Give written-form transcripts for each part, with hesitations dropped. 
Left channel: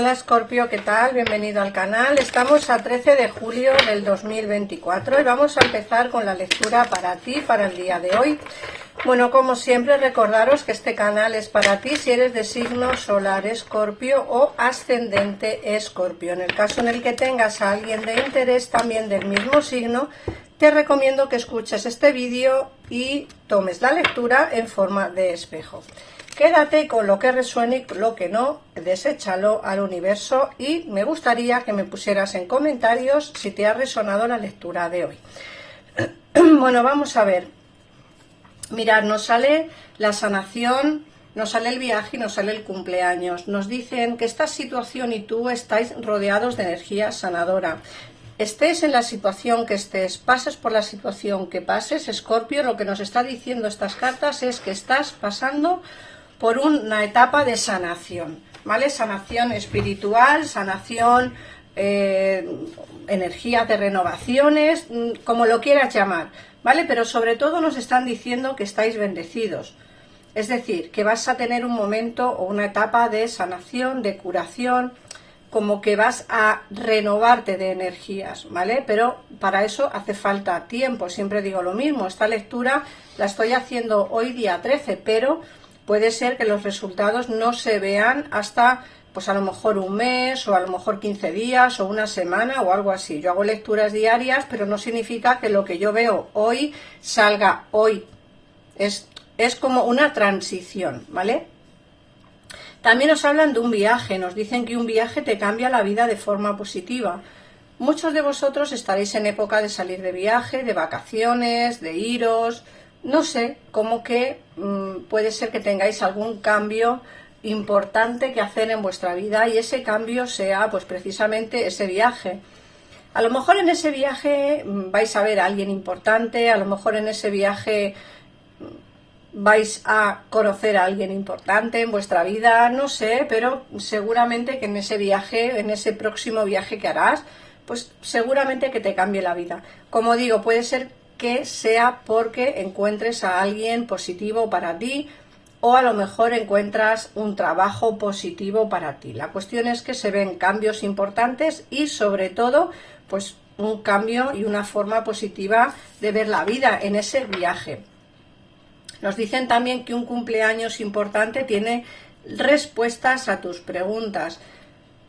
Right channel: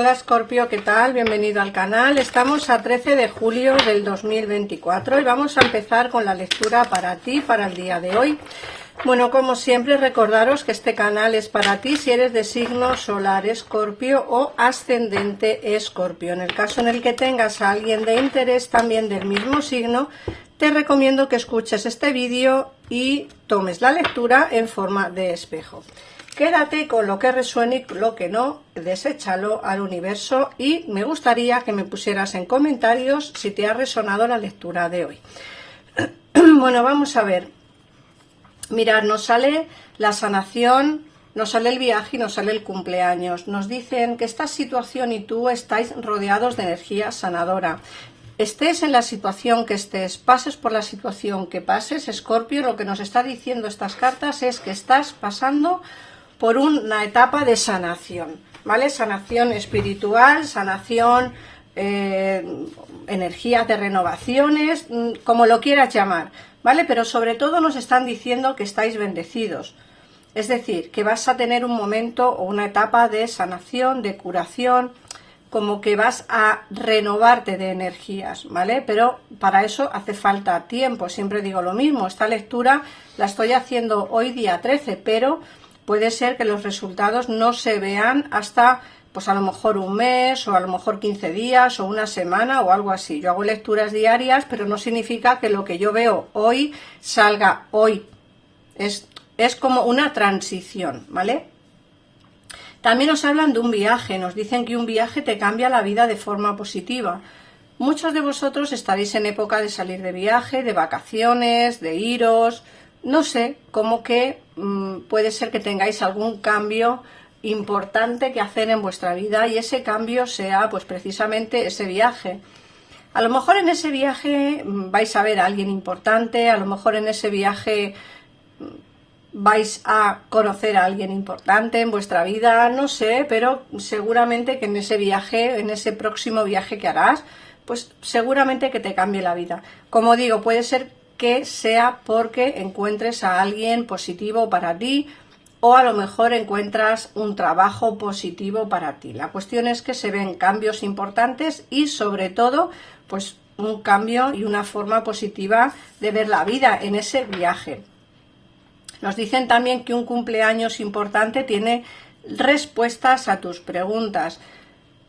Hola Escorpio, ¿qué tal? Bienvenido al canal. Estamos a 13 de julio del 2024 y vamos a empezar con la lectura para ti, para el día de hoy. Bueno, como siempre, recordaros que este canal es para ti si eres de signo solar Escorpio o ascendente Escorpio. En el caso en el que tengas a alguien de interés también del mismo signo, te recomiendo que escuches este vídeo y tomes la lectura en forma de espejo. Quédate con lo que resuene y con lo que no, deséchalo al universo y me gustaría que me pusieras en comentarios si te ha resonado la lectura de hoy. Bueno, vamos a ver. Mirad, nos sale la sanación, nos sale el viaje y nos sale el cumpleaños. Nos dicen que esta situación y tú estáis rodeados de energía sanadora. Estés en la situación que estés, pases por la situación que pases, Escorpio, lo que nos está diciendo estas cartas es que estás pasando por una etapa de sanación, ¿vale? Sanación espiritual, sanación, energías de renovaciones, como lo quieras llamar, ¿vale? Pero sobre todo nos están diciendo que estáis bendecidos. Es decir, que vas a tener un momento o una etapa de sanación, de curación, como que vas a renovarte de energías, ¿vale? Pero para eso hace falta tiempo, siempre digo lo mismo. Esta lectura la estoy haciendo hoy día 13, pero puede ser que los resultados no se vean hasta, pues a lo mejor un mes, o a lo mejor 15 días, o una semana, o algo así. Yo hago lecturas diarias, pero no significa que lo que yo veo hoy salga hoy. Es como una transición, ¿vale? También nos hablan de un viaje, nos dicen que un viaje te cambia la vida de forma positiva. Muchos de vosotros estaréis en época de salir de viaje, de vacaciones, de iros. No sé, como que puede ser que tengáis algún cambio importante que hacer en vuestra vida y ese cambio sea pues precisamente ese viaje. A lo mejor en ese viaje vais a ver a alguien importante, a lo mejor en ese viaje vais a conocer a alguien importante en vuestra vida, no sé, pero seguramente que en ese viaje, en ese próximo viaje que harás, pues seguramente que te cambie la vida. Como digo, puede ser que sea porque encuentres a alguien positivo para ti o a lo mejor encuentras un trabajo positivo para ti. La cuestión es que se ven cambios importantes y sobre todo pues un cambio y una forma positiva de ver la vida en ese viaje. Nos dicen también que un cumpleaños importante tiene respuestas a tus preguntas.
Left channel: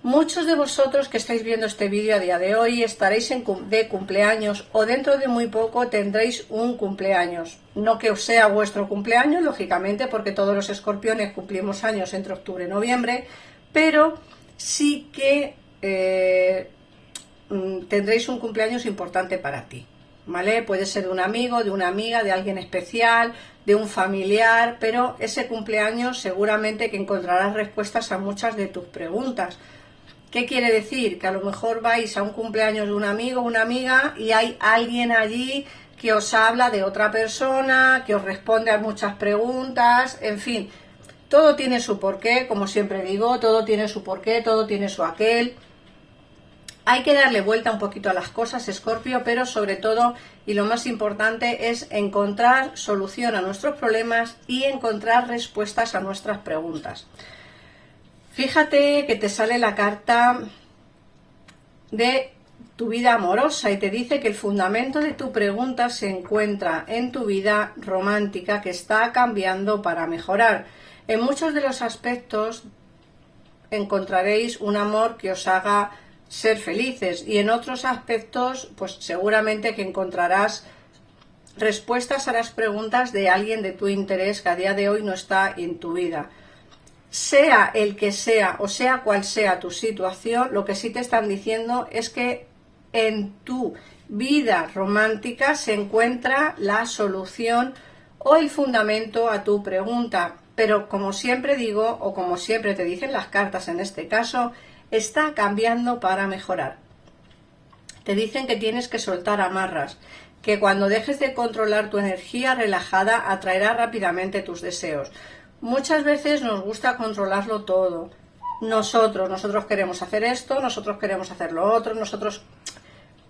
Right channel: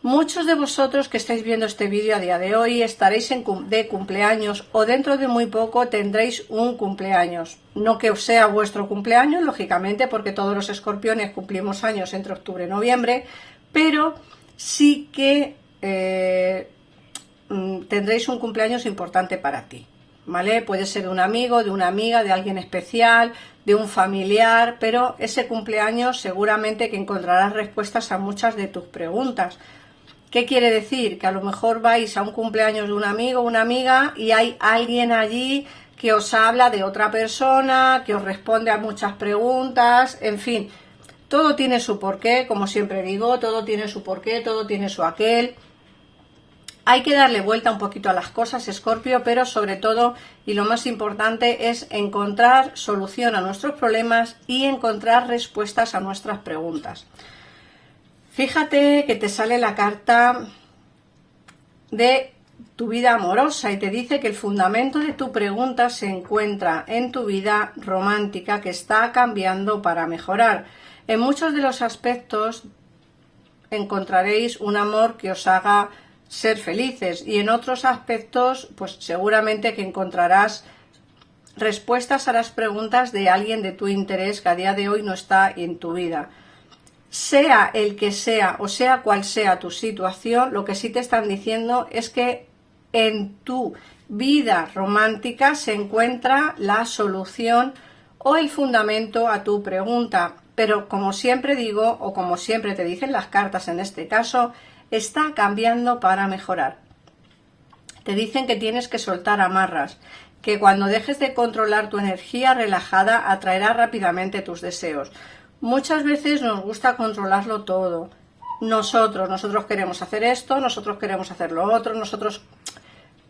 Muchos de vosotros que estáis viendo este vídeo a día de hoy estaréis de cumpleaños o dentro de muy poco tendréis un cumpleaños. No que os sea vuestro cumpleaños, lógicamente, porque todos los escorpiones cumplimos años entre octubre y noviembre, pero sí que tendréis un cumpleaños importante para ti, ¿vale? Puede ser de un amigo, de una amiga, de alguien especial, de un familiar, pero ese cumpleaños seguramente que encontrarás respuestas a muchas de tus preguntas. ¿Qué quiere decir? Que a lo mejor vais a un cumpleaños de un amigo o una amiga y hay alguien allí que os habla de otra persona, que os responde a muchas preguntas, en fin, todo tiene su porqué, como siempre digo, todo tiene su porqué, todo tiene su aquel. Hay que darle vuelta un poquito a las cosas, Escorpio, pero sobre todo, y lo más importante, es encontrar solución a nuestros problemas y encontrar respuestas a nuestras preguntas. Fíjate que te sale la carta de tu vida amorosa y te dice que el fundamento de tu pregunta se encuentra en tu vida romántica que está cambiando para mejorar. En muchos de los aspectos encontraréis un amor que os haga ser felices y en otros aspectos pues seguramente que encontrarás respuestas a las preguntas de alguien de tu interés que a día de hoy no está en tu vida. Sea el que sea o sea cual sea tu situación, lo que sí te están diciendo es que en tu vida romántica se encuentra la solución o el fundamento a tu pregunta. Pero como siempre digo, o como siempre te dicen las cartas en este caso, está cambiando para mejorar. Te dicen que tienes que soltar amarras, que cuando dejes de controlar tu energía relajada atraerá rápidamente tus deseos. Muchas veces nos gusta controlarlo todo. Nosotros queremos hacer esto, nosotros queremos hacer lo otro,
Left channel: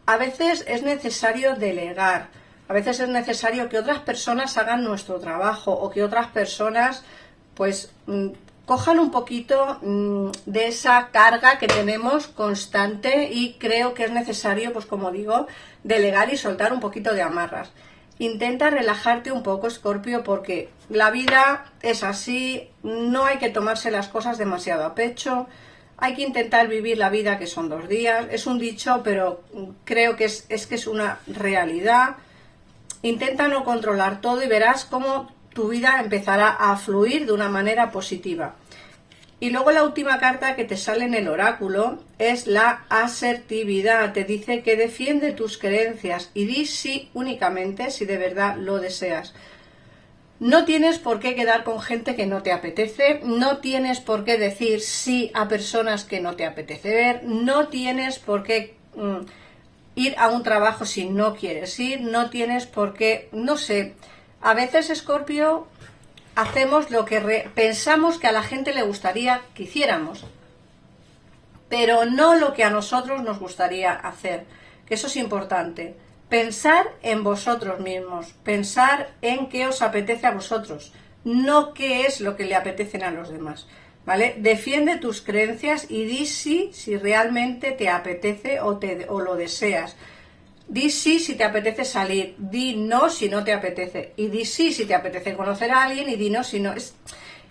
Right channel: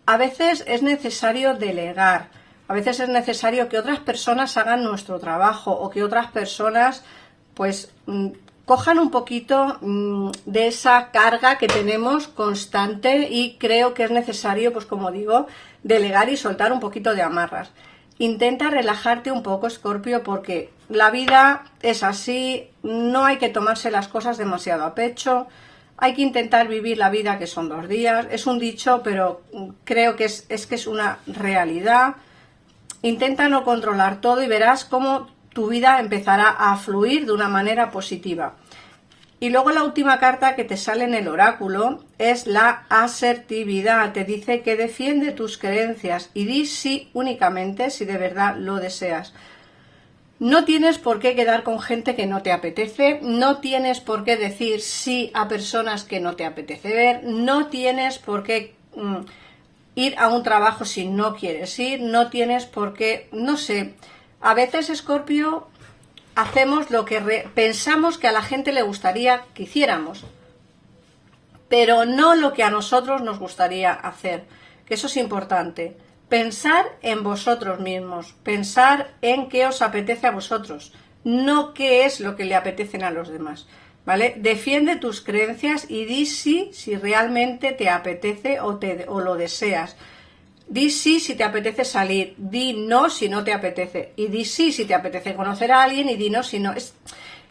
A veces es necesario delegar, a veces es necesario que otras personas hagan nuestro trabajo o que otras personas pues cojan un poquito de esa carga que tenemos constante y creo que es necesario, pues como digo, delegar y soltar un poquito de amarras. Intenta relajarte un poco, Escorpio, porque la vida es así, no hay que tomarse las cosas demasiado a pecho, hay que intentar vivir la vida que son 2 días. Es un dicho, pero creo que es una realidad. Intenta no controlar todo y verás cómo tu vida empezará a fluir de una manera positiva. Y luego la última carta que te sale en el oráculo es la asertividad. Te dice que defiende tus creencias y di sí únicamente si de verdad lo deseas. No tienes por qué quedar con gente que no te apetece, no tienes por qué decir sí a personas que no te apetece ver, no tienes por qué ir a un trabajo si no quieres ir, no tienes por qué, no sé, a veces, Escorpio, hacemos lo que pensamos que a la gente le gustaría que hiciéramos, pero no lo que a nosotros nos gustaría hacer, que eso es importante. Pensar en vosotros mismos, pensar en qué os apetece a vosotros, no qué es lo que le apetecen a los demás, ¿vale? Defiende tus creencias y di sí si realmente te apetece o lo deseas. Di sí si te apetece salir, di no si no te apetece, y di sí si te apetece conocer a alguien y di no si no.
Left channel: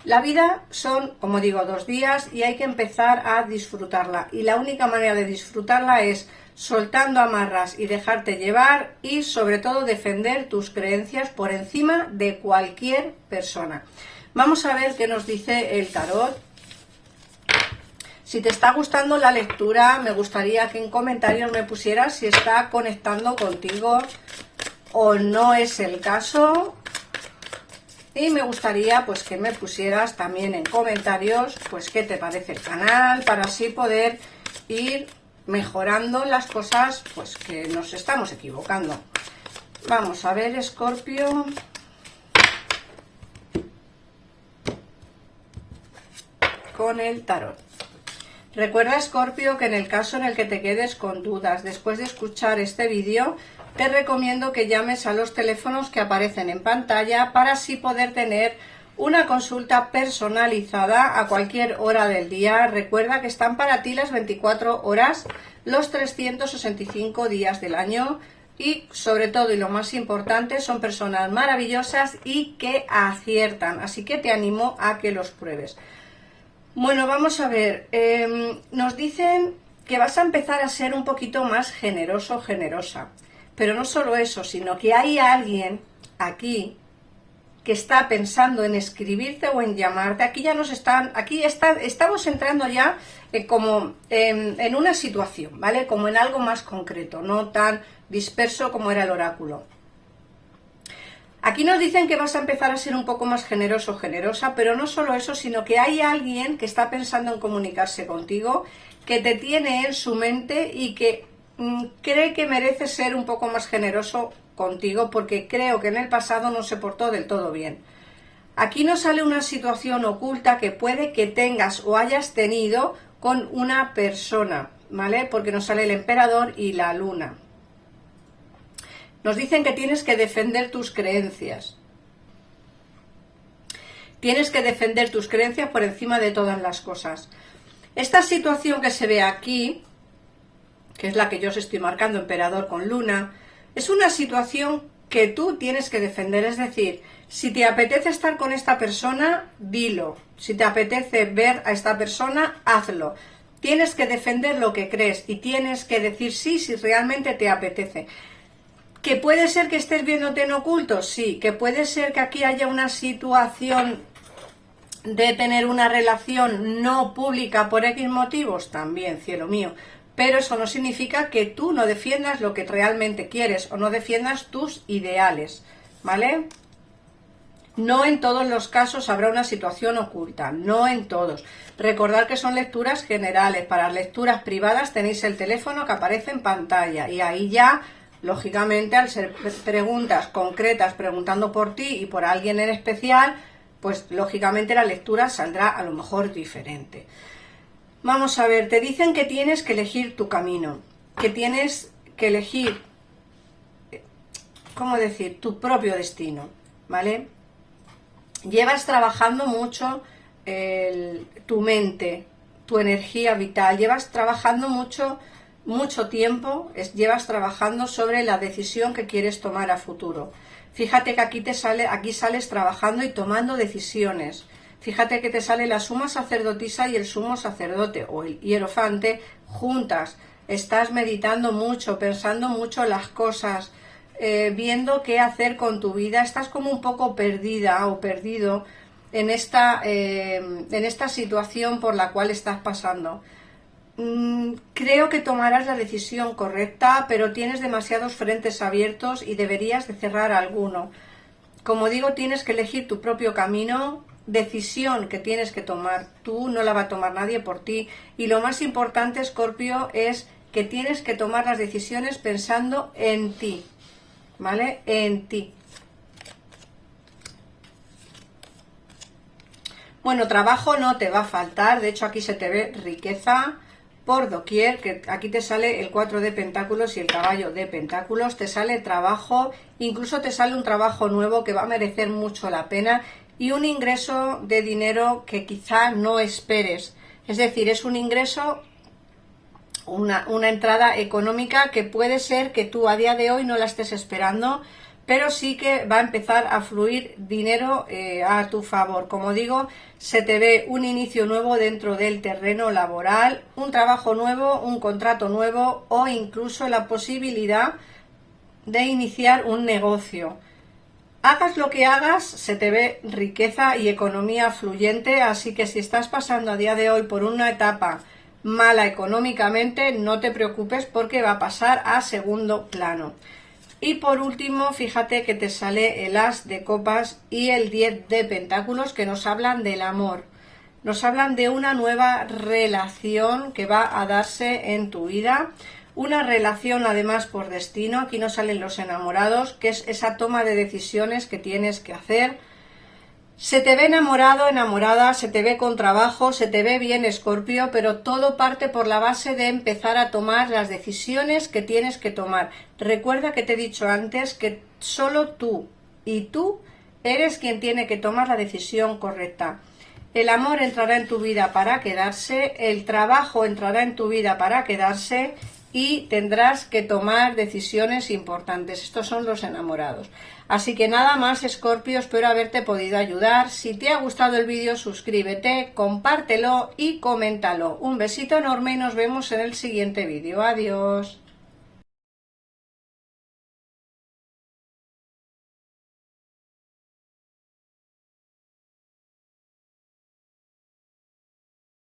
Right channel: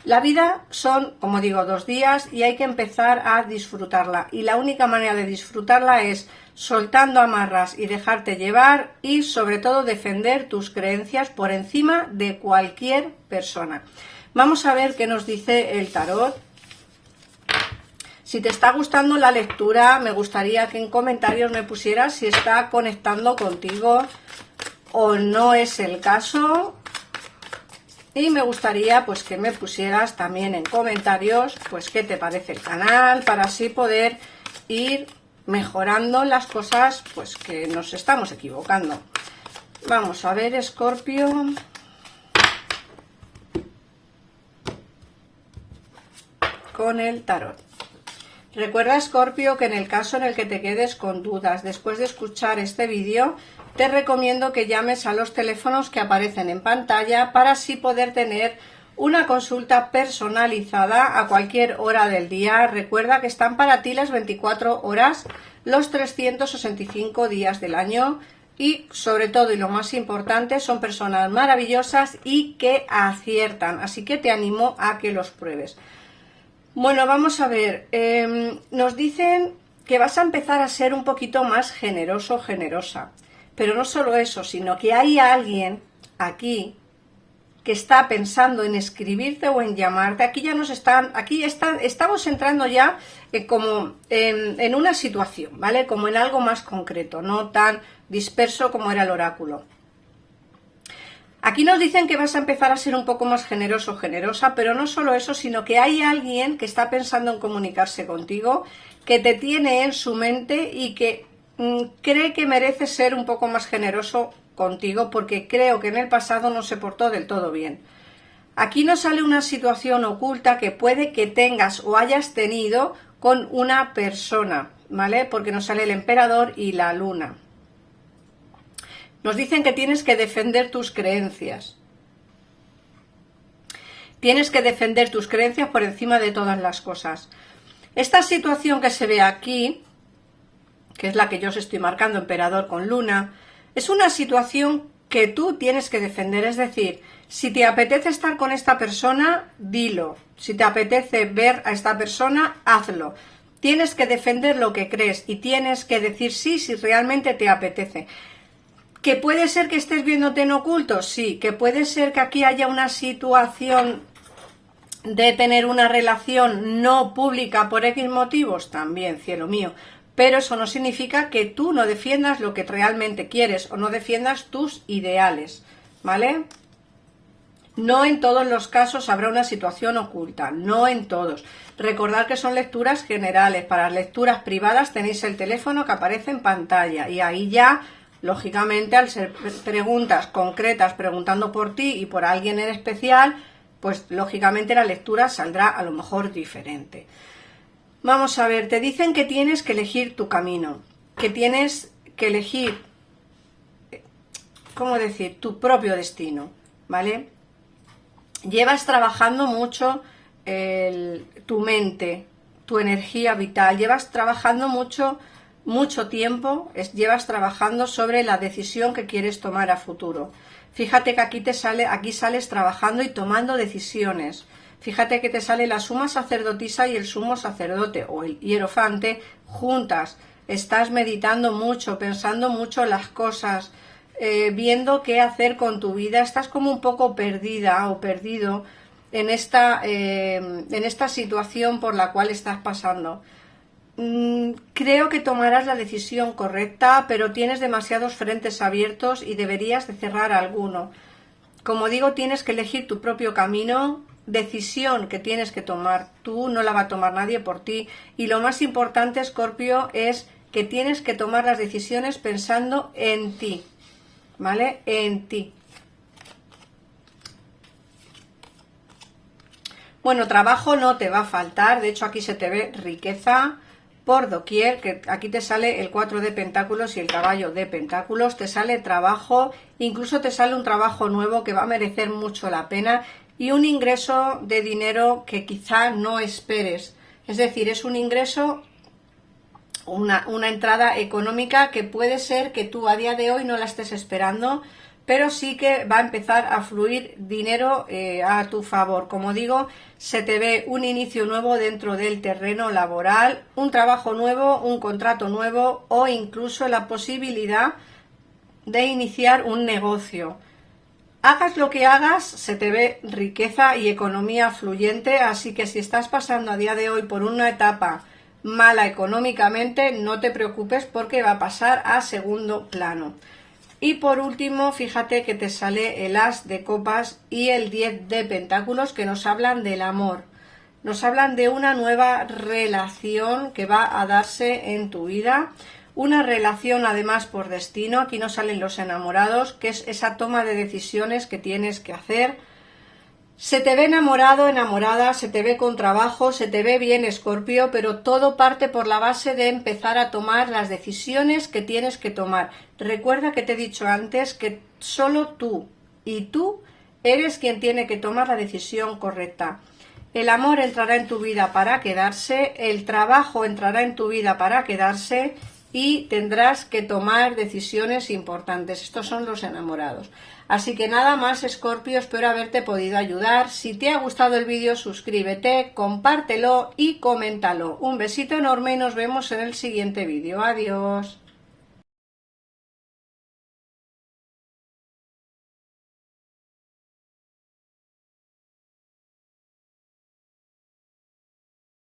La vida son, como digo, 2 días y hay que empezar a disfrutarla. Y la única manera de disfrutarla es soltando amarras y dejarte llevar y sobre todo defender tus creencias por encima de cualquier persona. Vamos a ver qué nos dice el tarot. Si te está gustando la lectura, me gustaría que en comentarios me pusieras si está conectando contigo o no es el caso. Y me gustaría pues que me pusieras también en comentarios pues qué te parece el canal, para así poder ir mejorando las cosas pues que nos estamos equivocando. Vamos a ver, Escorpio. Con el tarot. Recuerda, Escorpio, que en el caso en el que te quedes con dudas después de escuchar este vídeo, te recomiendo que llames a los teléfonos que aparecen en pantalla para así poder tener una consulta personalizada a cualquier hora del día. Recuerda que están para ti las 24 horas, los 365 días del año y sobre todo y lo más importante son personas maravillosas y que aciertan, así que te animo a que los pruebes. Bueno, vamos a ver, nos dicen que vas a empezar a ser un poquito más generoso o generosa, pero no solo eso, sino que hay alguien aquí que está pensando en escribirte o en llamarte. Estamos entrando ya como en una situación, ¿vale? Como en algo más concreto, no tan disperso como era el oráculo. Aquí nos dicen que vas a empezar a ser un poco más generoso o generosa, pero no solo eso, sino que hay alguien que está pensando en comunicarse contigo, que te tiene en su mente y que cree que merece ser un poco más generoso contigo porque creo que en el pasado no se portó del todo bien. Aquí nos sale una situación oculta que puede que tengas o hayas tenido con una persona, ¿vale? Porque nos sale el emperador y la luna. Nos dicen que tienes que defender tus creencias. Tienes que defender tus creencias por encima de todas las cosas. Esta situación que se ve aquí, que es la que yo os estoy marcando, emperador con luna, es una situación que tú tienes que defender. Es decir, si te apetece estar con esta persona, dilo. Si te apetece ver a esta persona, hazlo. Tienes que defender lo que crees y tienes que decir sí si realmente te apetece. ¿Que puede ser que estés viéndote en oculto? Sí. ¿Que puede ser que aquí haya una situación de tener una relación no pública por X motivos? También, cielo mío. Pero eso no significa que tú no defiendas lo que realmente quieres o no defiendas tus ideales, ¿vale? No en todos los casos habrá una situación oculta, no en todos. Recordad que son lecturas generales. Para lecturas privadas tenéis el teléfono que aparece en pantalla y ahí ya, lógicamente, al ser preguntas concretas, preguntando por ti y por alguien en especial, pues lógicamente la lectura saldrá a lo mejor diferente. Vamos a ver, te dicen que tienes que elegir tu camino, que tienes que elegir, ¿cómo decir?, tu propio destino, ¿vale? Llevas trabajando mucho tu mente, tu energía vital. Llevas trabajando mucho tiempo, llevas trabajando sobre la decisión que quieres tomar a futuro. Fíjate que aquí sales trabajando y tomando decisiones. Fíjate que te sale la suma sacerdotisa y el sumo sacerdote o el hierofante juntas. Estás meditando mucho, pensando mucho en las cosas, viendo qué hacer con tu vida. Estás como un poco perdida o perdido en esta situación por la cual estás pasando. Creo que tomarás la decisión correcta, pero tienes demasiados frentes abiertos y deberías de cerrar alguno. Como digo, tienes que elegir tu propio camino, decisión que tienes que tomar tú, no la va a tomar nadie por ti. Y lo más importante, Escorpio, es que tienes que tomar las decisiones pensando en ti, ¿vale? En ti. Bueno, trabajo no te va a faltar, de hecho aquí se te ve riqueza por doquier, que aquí te sale el 4 de pentáculos y el caballo de pentáculos, te sale trabajo, incluso te sale un trabajo nuevo que va a merecer mucho la pena y un ingreso de dinero que quizá no esperes, es decir, es un ingreso, una entrada económica que puede ser que tú a día de hoy no la estés esperando, pero sí que va a empezar a fluir dinero a tu favor. Como digo, se te ve un inicio nuevo dentro del terreno laboral, un trabajo nuevo, un contrato nuevo o incluso la posibilidad de iniciar un negocio. Hagas lo que hagas, se te ve riqueza y economía fluyente, así que si estás pasando a día de hoy por una etapa mala económicamente, no te preocupes porque va a pasar a segundo plano. Y por último, fíjate que te sale el as de copas y el 10 de pentáculos que nos hablan del amor. Nos hablan de una nueva relación que va a darse en tu vida. Una relación además por destino. Aquí nos salen los enamorados, que es esa toma de decisiones que tienes que hacer. Se te ve enamorado, enamorada, se te ve con trabajo, se te ve bien, Escorpio, pero todo parte por la base de empezar a tomar las decisiones que tienes que tomar. Recuerda que te he dicho antes que solo tú y tú eres quien tiene que tomar la decisión correcta. El amor entrará en tu vida para quedarse, el trabajo entrará en tu vida para quedarse y tendrás que tomar decisiones importantes. Estos son los enamorados. Así que nada más, Escorpio, espero haberte podido ayudar. Si te ha gustado el vídeo, suscríbete, compártelo y coméntalo. Un besito enorme y nos vemos en el siguiente vídeo. Adiós.